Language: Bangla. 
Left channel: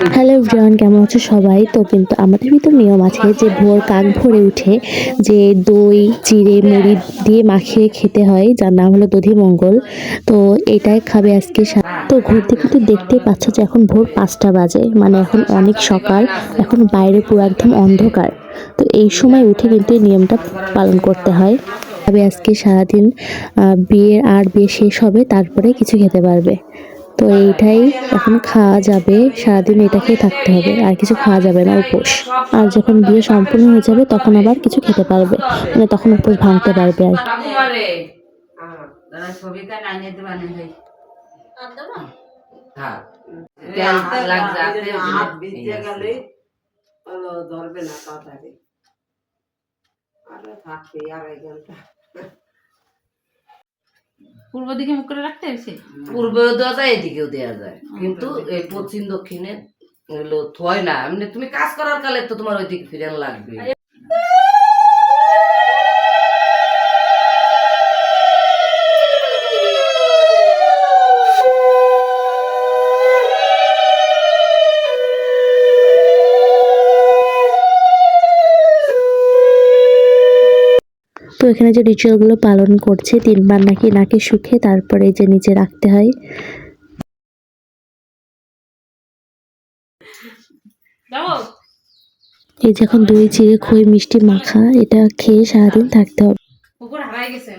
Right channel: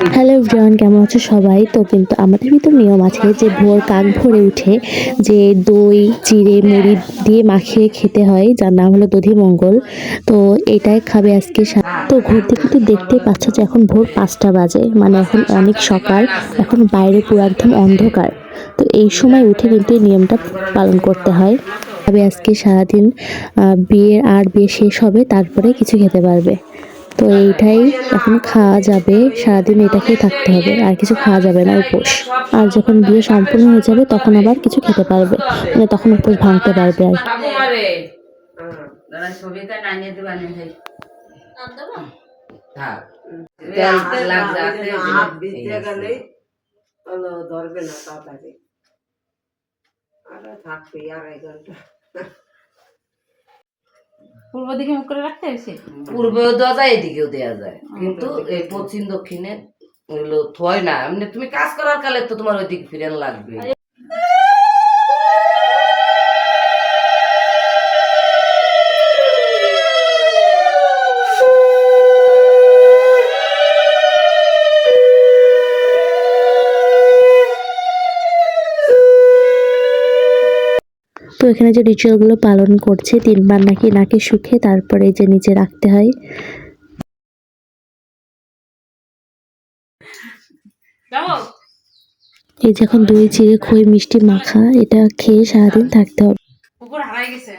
হ্যালো এভরিওয়ান, কেমন আছো সবাই? তো কিন্তু আমাদের ভিতর নিয়ম আছে যে ভোর কাক ভোরে উঠে যে দই চিড়ে মুড়ি দিয়ে মাখিয়ে খেতে হয়, যার নাম হলো দধিমঙ্গল। তো এটাই খাবে আজকে। তো ঘুর থেকে কিন্তু দেখতেই পাচ্ছ যে এখন ভোর 5টা বাজে, মানে এখন অনেক সকাল, এখন বাইরে পুরো একদম অন্ধকার। তো এই সময় উঠে কিন্তু এই নিয়মটা পালন করতে হয়। তবে আজকে সারাদিন বিয়ে শেষ হবে, তারপরে কিছু খেতে পারবে। তো এইটাই এখন খাওয়া যাবে, সারাদিন এটা খেয়ে থাকতে হবে, আর কিছু খাওয়া যাবে না, উপোস। আর যখন বিয়ে সম্পূর্ণ হয়ে যাবে তখন আবার কিছু খেতে পারবে, মানে তখন উপোস ভাঙতে পারবে আর কি। ধরবে না তাড়াতাড়ি, আরে থাকবে আড়াই ঘন্টা। পূর্ব দিকে মুখ করে রাখতে হয়েছে, পূর্বেও দেওয়া যায় এদিকেও দেওয়া যায়, কিন্তু এই পশ্চিম দক্ষিণে হলো থয় না। এমনি তুমি কাজ করার কালে তো তোমার ওইদিকে ফিরেন লাগবে। তো এখানে যে রিচুয়ালগুলো পালন করছে, 3বার নাকি নাকে শুকে তারপরে যে নিচে রাখতে হয়। এই যে এখন দই চিড়ে খই মিষ্টি মাখা, এটা খেয়ে সারাদিন থাকতে হবে। কুকুর হারাই গেছে।